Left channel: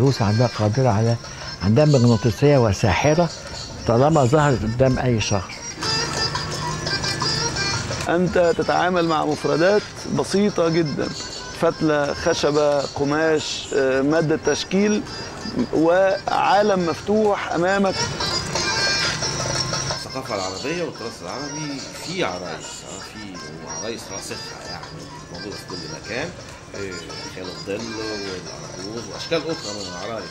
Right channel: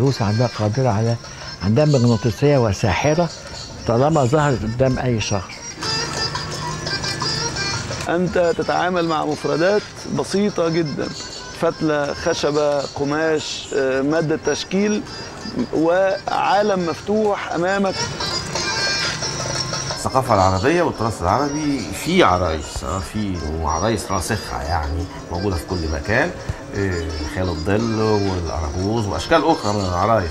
العروسة عندها قادرة على عندها مغناطيسية وساحرة طالما ظهرت قدام أي شخص. أنت تتعامل مع مفردات بسيطة جدا، فتلة، خشبة، قماش، مادة تشكيل، وعالم مفتوح أمامك. الثقافة العربية والتراث العربي في عرايس، في وعرايس راسخة يعني موجودة في كل مكان، خيال الظل والأرجوز وأشكال أخرى من العرايس.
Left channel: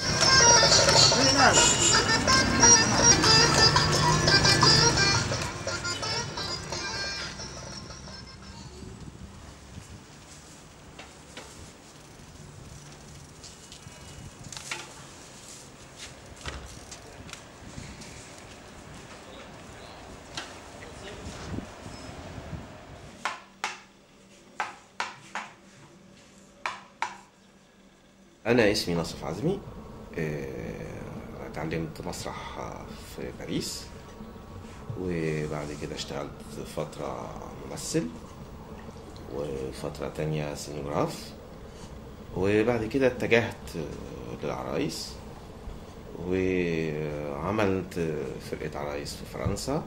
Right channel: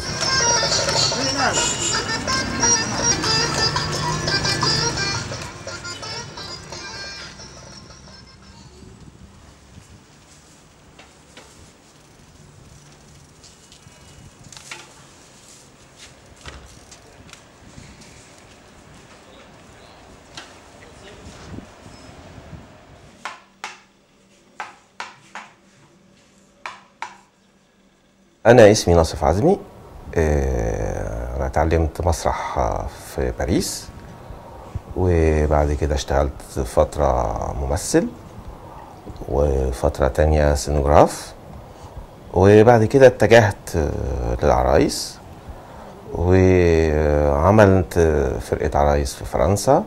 أنا اسمي ناصف عزمي. أنا اتعلمت مسرح في باريس، وبعد كده اشتغلت فترة ممثل وفترة تانية سينوغراف، وبعد كده اتجهت للعرايس وعملت فرقة عرايس في فرنسا،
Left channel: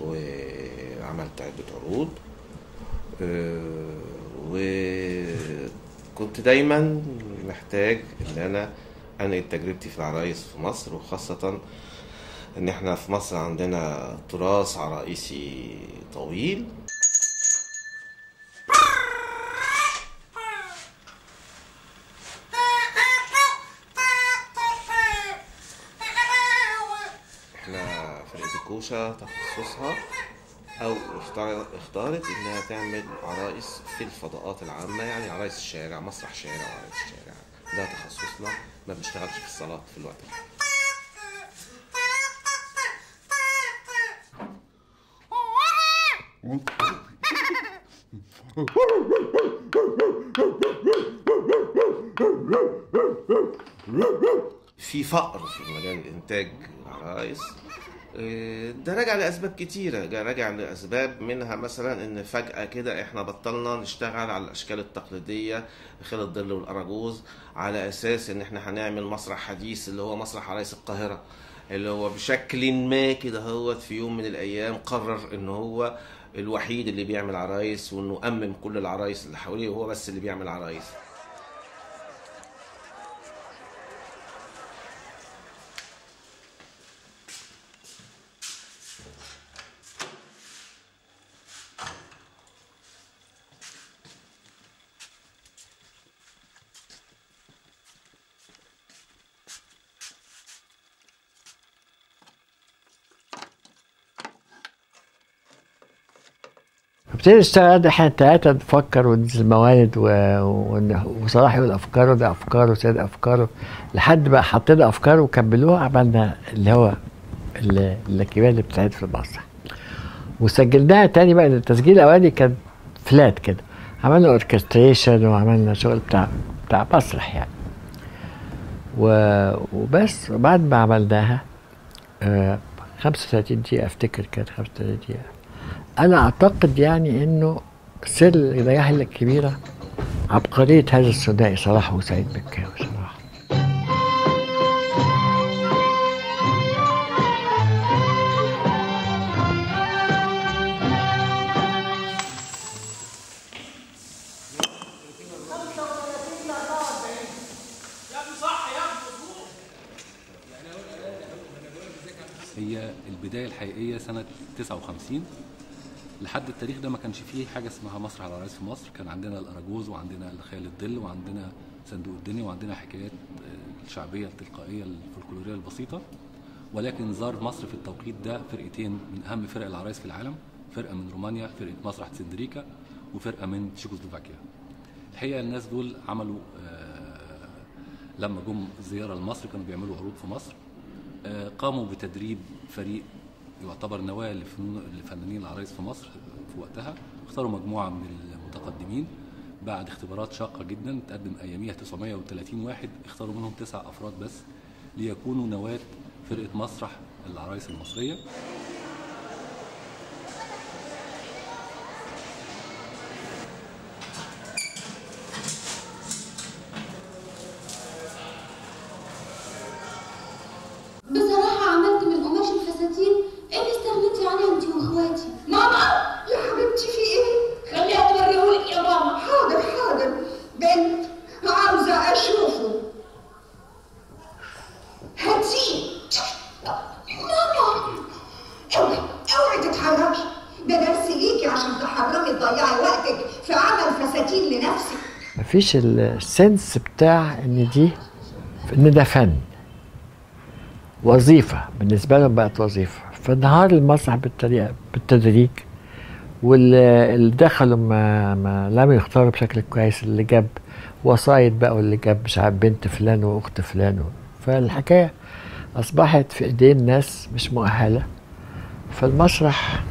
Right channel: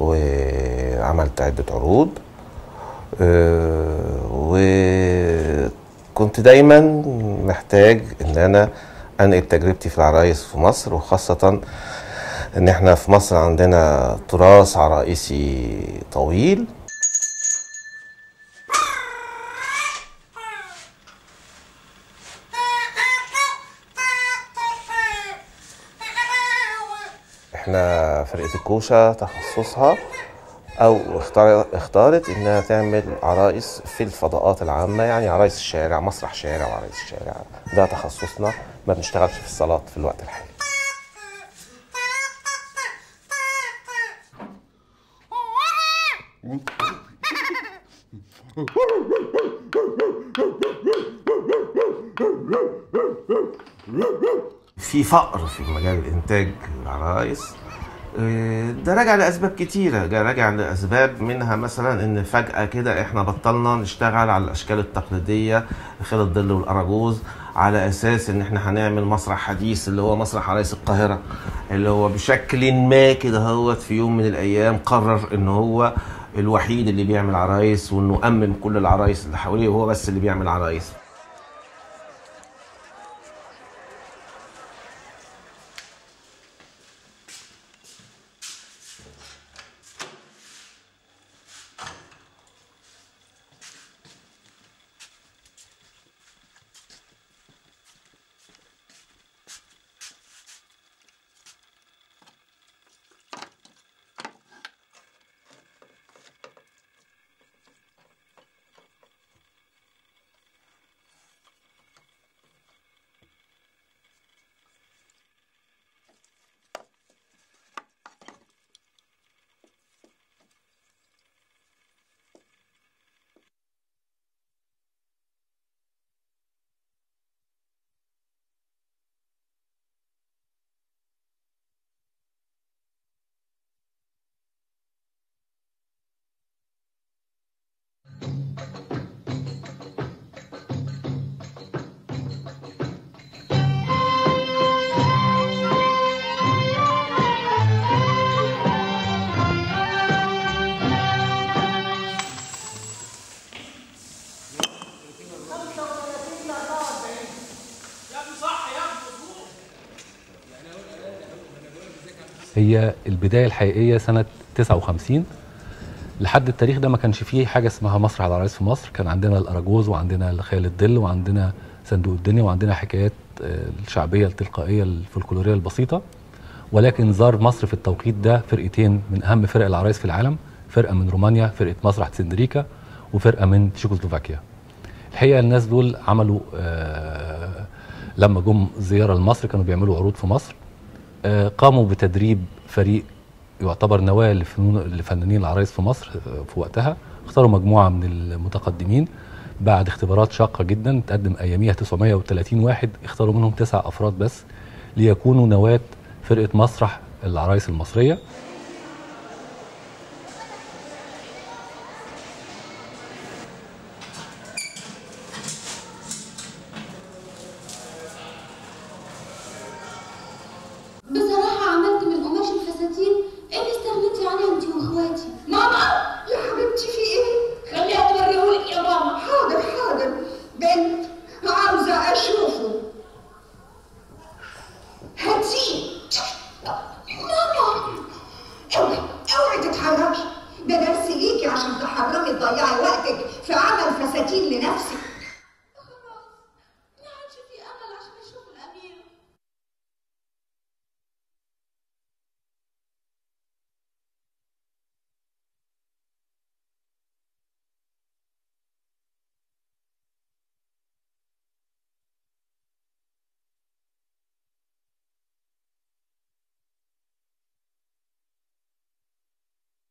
وعملت عدة عروض، وكنت دايما محتاج ان انا انقل تجربتي في العرايس في مصر، وخاصة ان احنا في مصر عندنا تراث عرائسي طويل. احنا فرقة الكوشة تخصصها او اختارت انها تعمل عرائس في الفضاءات العامة، يعني عرايس الشارع، مسرح شارع وعرايس الشارع، ده تخصصنا، ما بنشتغلش في الصالات في الوقت الحالي. في فقر في مجال الانتاج العرايس، ده راجع لاسباب كتيره، راجع لاسباب منها مثلا ان فجاه كده احنا بطلنا نشتغل على الاشكال التقليديه، خيل الظل والاراجوز، على اساس ان احنا هنعمل مسرح حديث اللي هو مسرح عرايس القاهره، اللي هو بشكل ما كده هوت في يوم من الايام قرر ان هو الوحيد اللي بيعمل عرايس، وانه امن كل العرايس اللي حواليه وهو بس اللي بيعمل عرايس. ابتدي نشتغل احنا التلاتة نفكر وندرس الموارد وصلاح يقول افكاره، ده افكاره، سيد افكاره، لحد ما حطينا افكار وكملوها، عملنا اللي هو الكبيرة اللي بتتعرض في المسرح، وسجلناها تاني بقى. التسجيل الاولاني كان فلات كده، عملنا اوركستريشن وعملنا شغل بتاع مسرح يعني، وبس. وبعد ما عملناها 35 دقيقة افتكر، كانت 35 دقيقة. أنا أعتقد يعني إنه سر النجاح الكبيرة عبقرية هذا الثنائي صلاح وسعيد مكاوي صراحة. هي البداية الحقيقية سنة 59. لحد التاريخ ده ما كانش فيه حاجة اسمها مسرح العرايس في مصر. كان عندنا الأراجوز وعندنا خيال الظل وعندنا صندوق الدنيا وعندنا حكايات الشعبية التلقائية الفولكلورية البسيطة. ولكن زار مصر في التوقيت ده فرقتين من أهم فرق العرايس في العالم، فرقة من رومانيا، فرقة مسرح سندريكا، وفرقة من تشيكوسلوفاكيا. الحقيقة الناس دول عملوا لما جم زيارة لمصر كانوا بيعملوا عروض في مصر، قاموا بتدريب فريق يعتبر نواة لفنانين العرايس في مصر في وقتها. اختاروا مجموعة من المتقدمين بعد اختبارات شاقة جدا، تقدم أياميها 930 واحد، اختاروا منهم 9 أفراد بس ليكونوا نواة فرقة مسرح العرايس المصرية. عشان تحرمي تضيعي وقتك في عمل فساتين لنفسك. مفيش السنس بتاع ان ده فن، وظيفه بالنسبه لهم، بقت وظيفه. فانهار المسرح بالطريقه بالتدريج، واللي دخلوا ما لم يختاروا بشكل كويس، اللي جاب وسايط بقى، واللي جاب مش عارف بنت فلان واخت فلان، فالحكايه اصبحت في ايدين ناس مش مؤهله. فالمسرح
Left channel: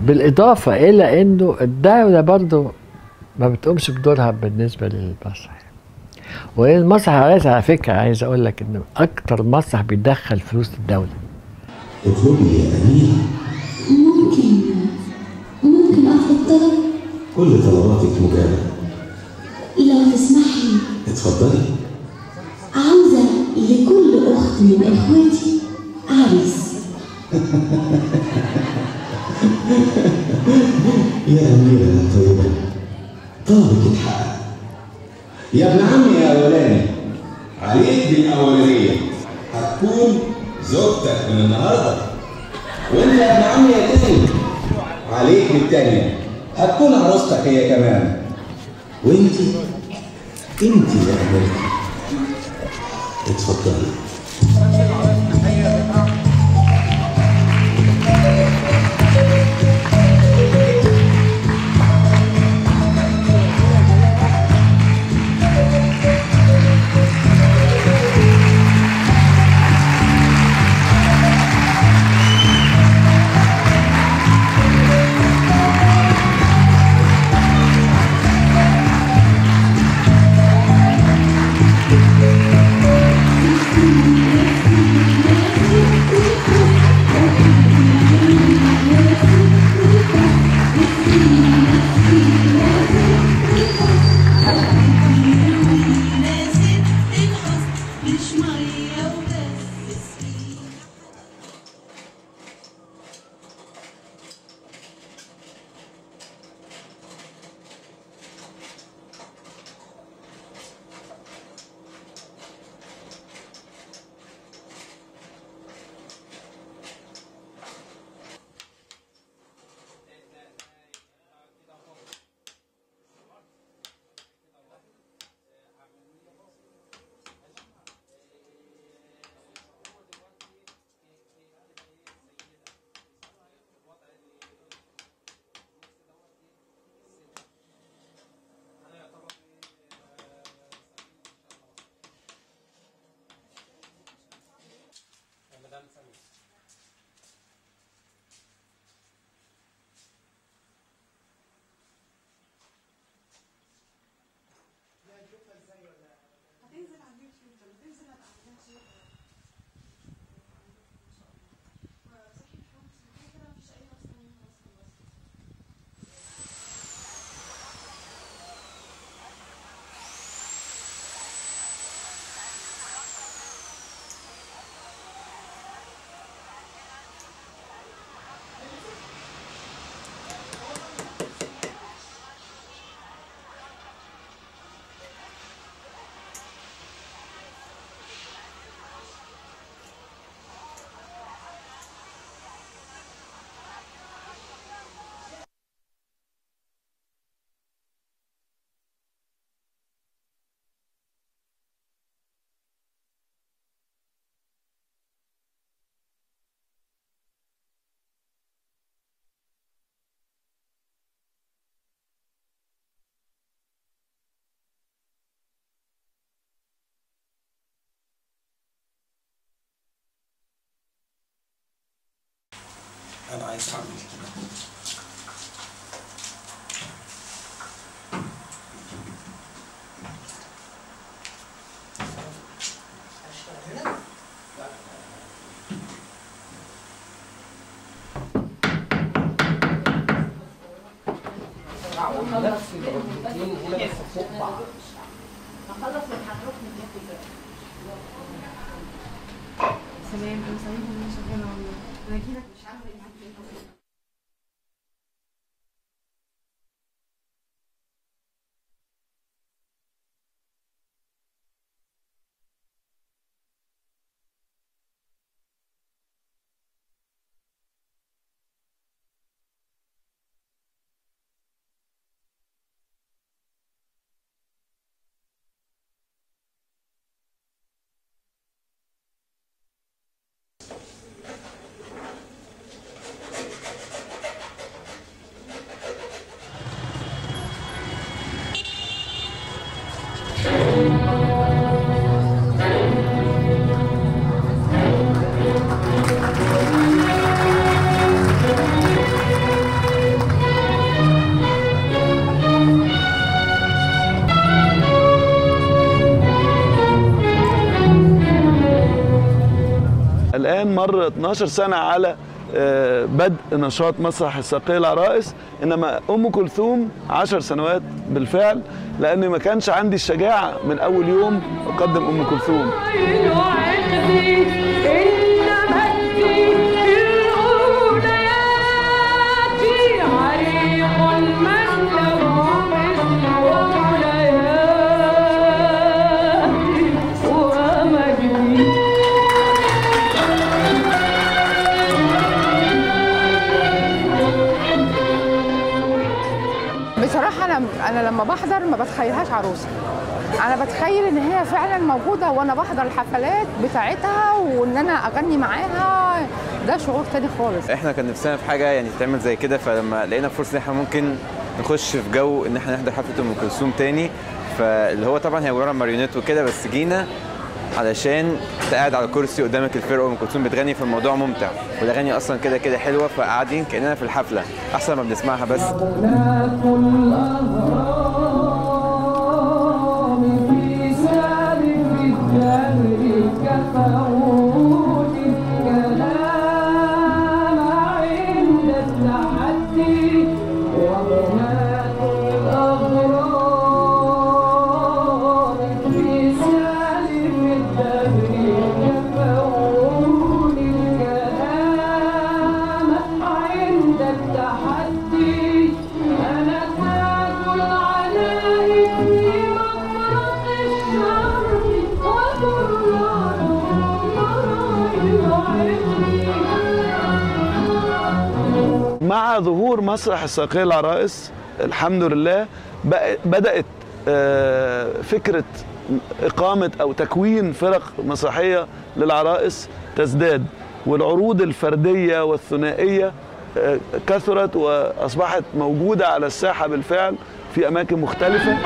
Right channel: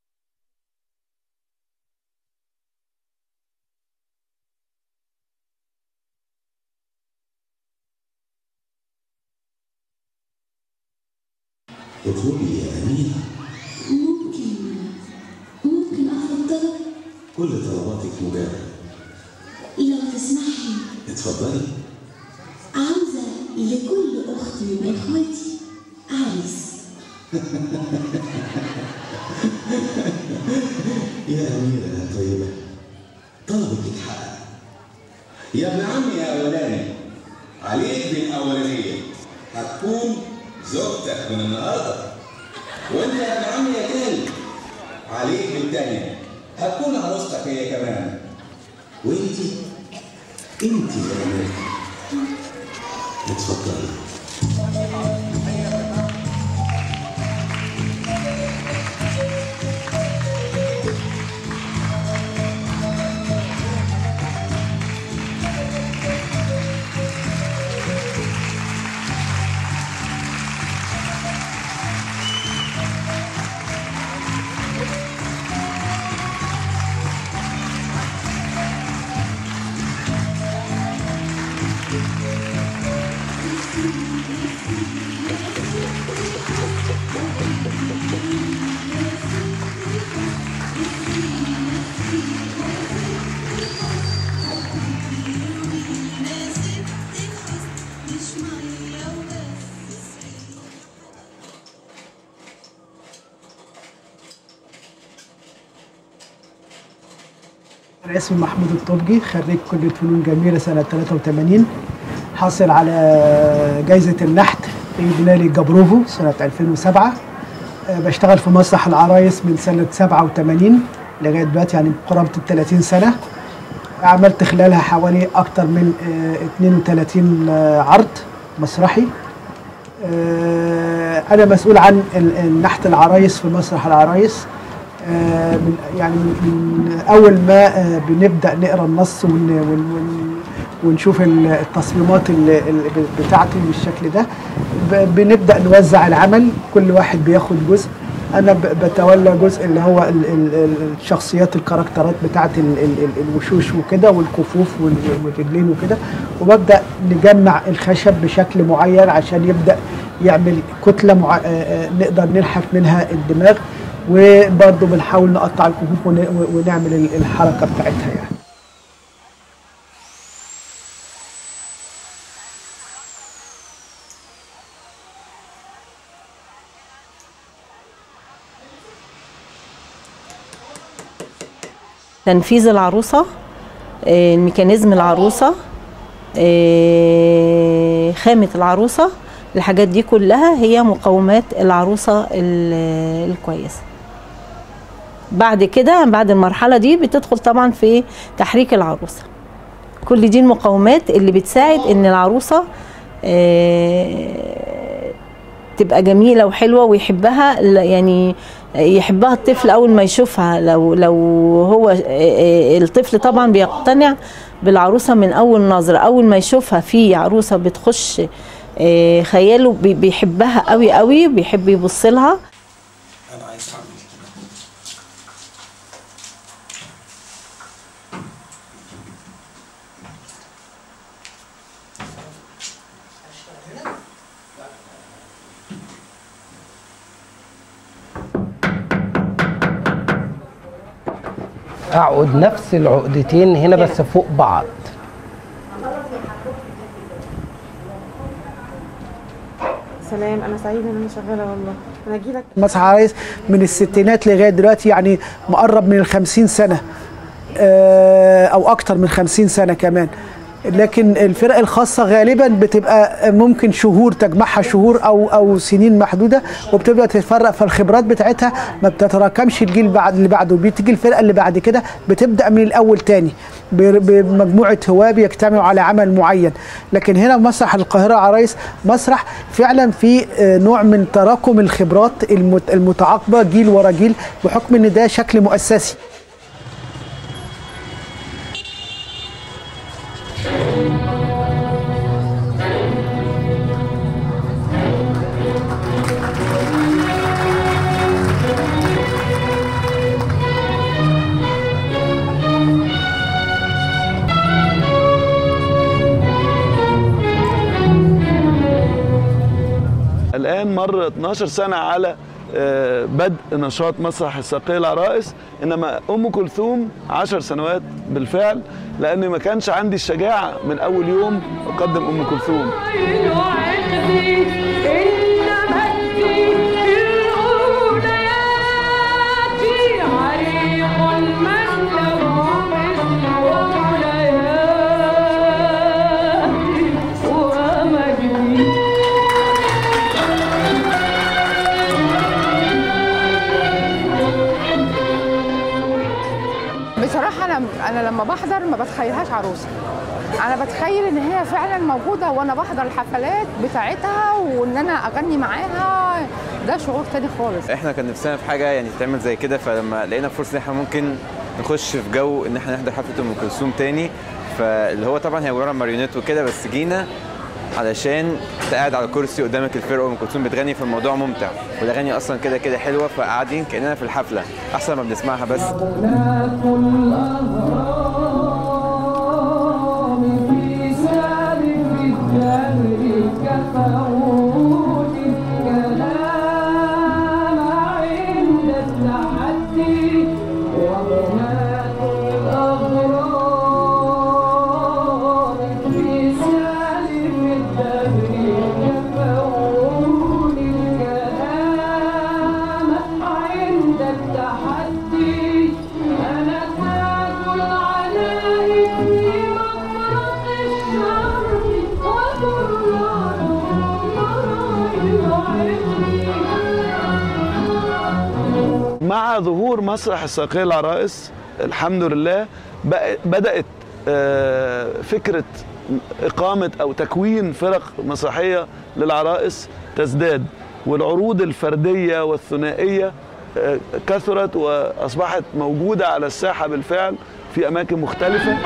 بالاضافه الى انه الدوله برضه ما بتقومش بدورها بالنسبه للمسرح. والمسرح على فكره عايز اقول لك انه اكتر مسرح بيدخل فلوس الدوله. اطلبي يا امينه. ممكن اطلب طلب؟ كل طلباتك مجابه. لو تسمحي. اتفضلي. عاوزه لكل اخت من اخواتي عريس. يا اميره يا طيبه، طلبك اتحقق. يا ابن عمي يا اولاني، عليك بالاولانيه هتكون زوجتك من النهارده. وانت يا ابن عمي يا تاني، عليك بالتانيه هتكون عروستك هي كمان. وانت يا اميرتي، اتفضلي. أنا اسمي محمود الطبجي، خريج كلية فنون جميلة سنة 83، حاصل على جائزة النحت في بنالي جبروفو سنة 2007. بشتغل في مسرح العرايس من سنة 87 لغاية دلوقتي، يعني قرابة 30 سنة. عملت خلالها حوالي أكثر من 32 عرض مسرحي. أنا مسؤول عن نحت العرايس في مسرح العرايس. من أول ما بنبدأ نقرأ النص ونشوف التصميمات بتاعته بالشكل ده، بنبدأ نوزع العمل، كل واحد بياخد جزء. أنا بتولى جزء اللي هو الشخصيات، الكاركترات بتاعت الوشوش وكده، والكفوف والرجلين وكده، وببدأ نجمع الخشب بشكل معين عشان يبدأ يعمل كتلة نقدر نلحف منها الدماغ، وبرضه بنحاول نقطع الكفوف ونعمل الحركة بتاعتها يعني. تنفيذ العروسة، الميكانيزم العروسة، خامة العروسة، الحاجات دي كلها هي مقومات العروسة الكويسة. بعد كده بعد المرحلة دي بتدخل طبعا في تحريك العروسة. كل دي المقومات اللي بتساعد ان العروسة تبقى جميلة وحلوة ويحبها، يعني يحبها الطفل أول ما يشوفها. لو هو الطفل طبعا بيقتنع بالعروسة من أول نظرة، أول ما يشوفها في عروسة بتخش خياله بيحبها قوي قوي، بيحب يبص لها. أنا عايز أعمل اقعد نفس العقدتين هنا بس فوق بعض. سلام، انا سعيده ان انا شغاله والله. انا اجي لك. مسرح العرايس من الستينات لغايه دلوقتي، يعني مقرب من ال50 سنه او اكتر من 50 سنه كمان. لكن الفرق الخاصه غالبا بتبقى ممكن شهور، تجمعها شهور او سنين محدوده، وبتبدا تتفرق، فالخبرات بتاعتها ما بتتراكمش الجيل بعد اللي بعده، بتيجي الفرقه اللي بعد كده بتبدا من الاول تاني بمجموعه هواه بيجتمعوا على عمل معين. لكن هنا مسرح القاهره عرايس مسرح فعلا في نوع من تراكم الخبرات المتعاقبه جيل ورا جيل، بحكم ان ده شكل مؤسسي. الآن مر 12 سنة على بدء نشاط مسرح الساقية العرائس، إنما أم كلثوم 10 سنوات بالفعل، لأني ما كانش عندي الشجاعة من أول يوم أقدم أم كلثوم. بصراحة أنا لما بحضر ما بتخيلهاش عروسة، أنا بتخيل إن هي فعلا موجودة وأنا بحضر الحفلات بتاعتها وإن أنا أغني معاها، ده شعور تاني خالص. إحنا كان نفسنا في حاجة يعني تعمل زي كده، فلما لقينا فرصة إن إحنا ممكن نخش في جو إن إحنا نحضر حفلة أم كلثوم تاني، فاللي هو طبعا هي ورا ماريونيت وكده، بس جينا علشان انت قاعد على كرسي قدامك الفرقه وام كلثوم بتغني، فالموضوع ممتع، والاغاني اصلا كده كده حلوه، فقاعدين كاننا في الحفله احسن ما بنسمعها بس. مع ظهور مسرح الساقية العرائس الحمد لله بدأت فكرة إقامة أو تكوين فرق مسرحية للعرائس تزداد، والعروض الفردية والثنائية كثرت وأصبحت موجودة على الساحة بالفعل في أماكن مختلفة.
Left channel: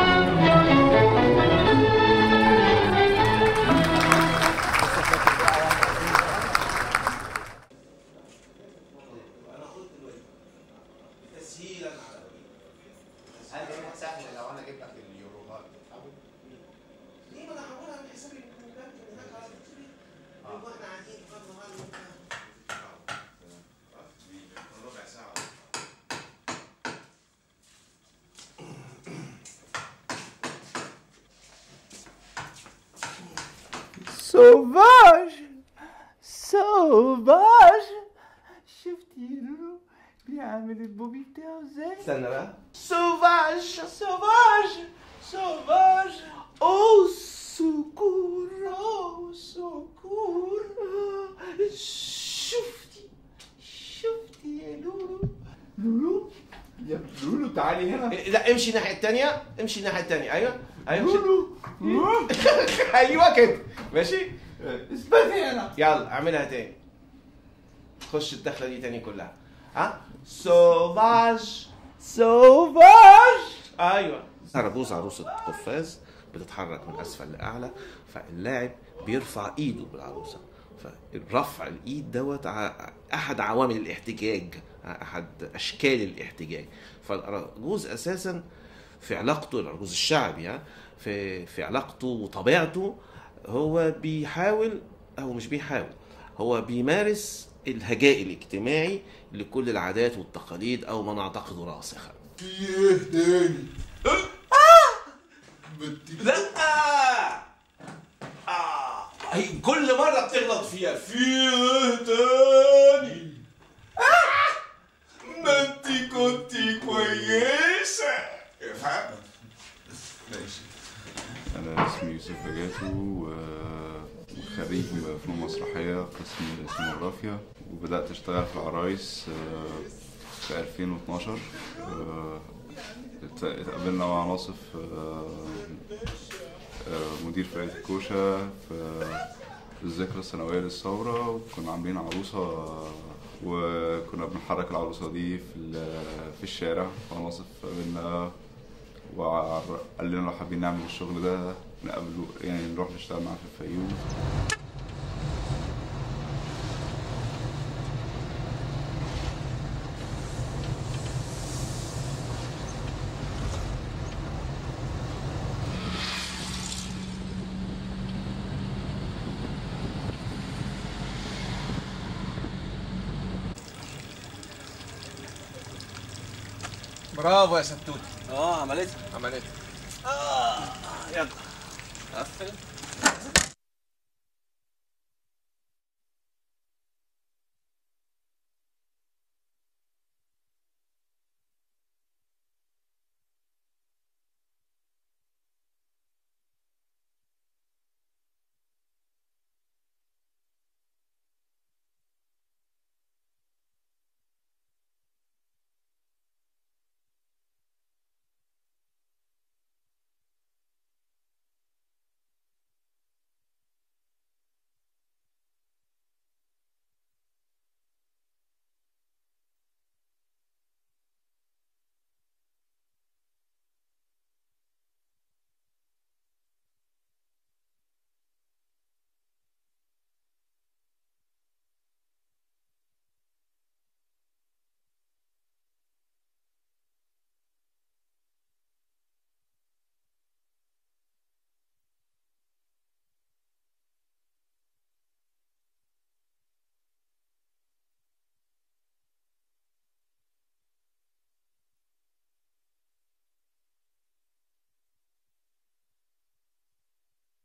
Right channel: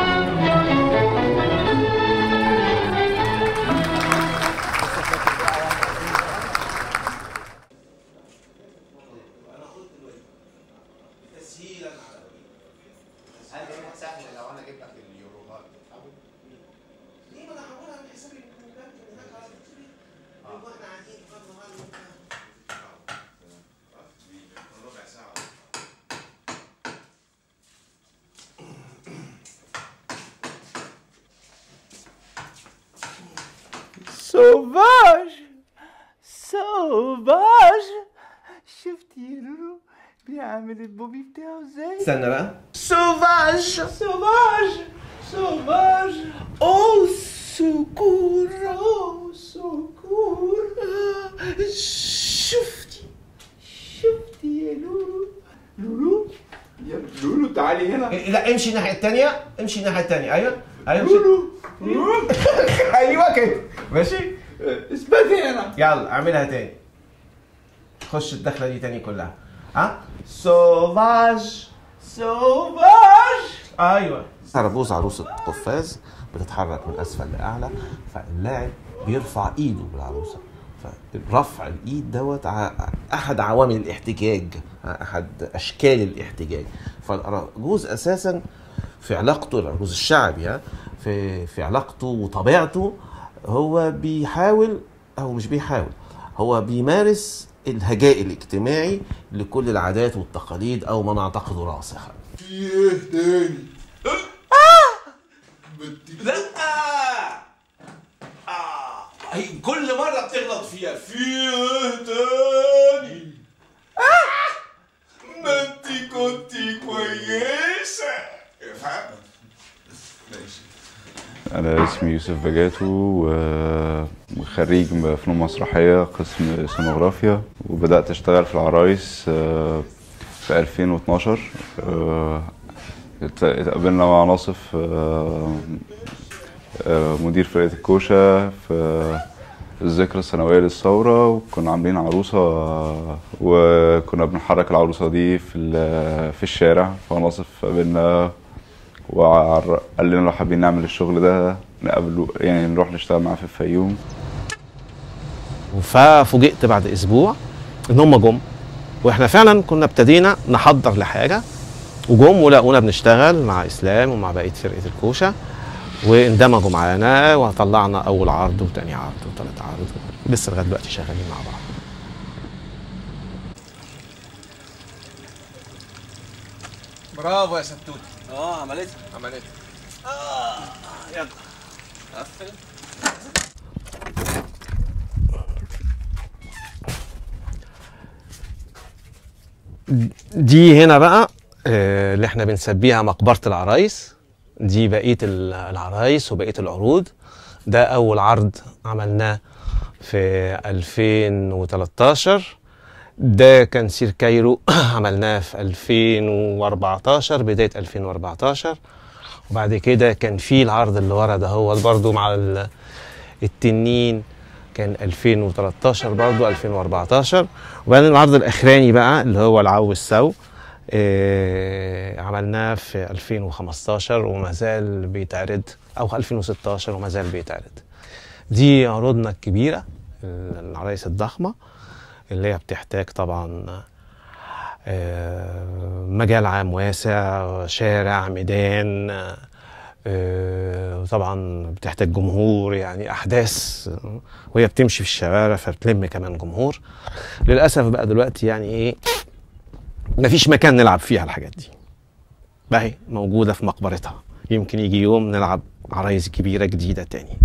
سوفاج سوفاج، شفتي لولو بيعمل البوبي بتاعه ازاي؟ استنى بقى. سوفاج سوفاج سوفاج، او سكور او سكور، شفتي يا لولو؟ لولو يا لولو تعالي هنا. لا امشي الناحية التانية، امشي الناحية التانية. ايوه لولو ايوه كده ماشي، اثبتي هنا. يلا اعملها تاني، خش الدخلة دي تاني كلها. ها سوفاج سوفاج. ايوه. أرجوز عروسة قفاز بتتحرك من اسفل لاعلى، فاللاعب بيرفع ايده بالعروسة، فرفع الايد دوت احد عوامل الاحتجاج، احد اشكال الاحتجاج. فالأرجوز اساسا في علاقته، الأرجوز الشعبي في علاقته وطبيعته، هو بيحاول او مش بيحاول، هو بيمارس الهجاء الاجتماعي لكل العادات والتقاليد او ما نعتقده راسخا. في ايه تاني؟ لا كل مرة بتغلط فيها. في ايه تاني؟ ما انتي كنتي كويسة. افهم؟ ماشي. أنا اسمي يوسف بجاتو وخريج فنون مسرحية قسم سينوغرافيا، وبدأت أشتغل في العرايس في 2012. اتقابلنا مع ناصف مدير فرقة الكوشة في الذكرى السنوية للثورة، وكنا عاملين عروسة وكنا بنحرك العروسة دي في الشارع. فناصف قابلنا وقال لنا لو حابين نعمل الشغل ده نقابله، يعني نروح نشتغل معاه في الفيوم. ففوجئت بعد اسبوع ان هم جم، واحنا فعلا كنا ابتدينا نحضر لحاجه، وجم ولقونا بنشتغل مع اسلام ومع بقيه فرقه الكوشه، واندمجوا معانا وطلعنا اول عرض وتاني عرض وتالت عرض، لسه لغايه دلوقتي شغالين مع بعض. برافو يا ستوت. عملتها. يلا. دي هنا بقى اللي احنا بنسميها مقبرة العرايس. دي بقية العرايس وبقية العروض. ده أول عرض عملناه في 2013. ده كان سير كايرو عملناه في 2014 بداية 2014. وبعد كده كان في العرض اللي ورا ده هو برضو مع التنين، كان 2013 برضو 2014. وبعدين العرض الأخراني بقى اللي هو العو السو عملناه في 2015 وما زال بيتعرض، أو 2016 وما زال بيتعرض. دي عروضنا الكبيرة، العرايس الضخمة اللي هي بتحتاج طبعا مجال عام واسع، شارع، ميدان، وطبعا بتحتاج جمهور، يعني أحداث وهي بتمشي في الشوارع فبتلم كمان جمهور. للأسف بقى دلوقتي يعني إيه، مفيش مكان نلعب فيها الحاجات دي، بقى موجودة في مقبرتها. يمكن يجي يوم نلعب عرايس كبيرة جديدة تاني.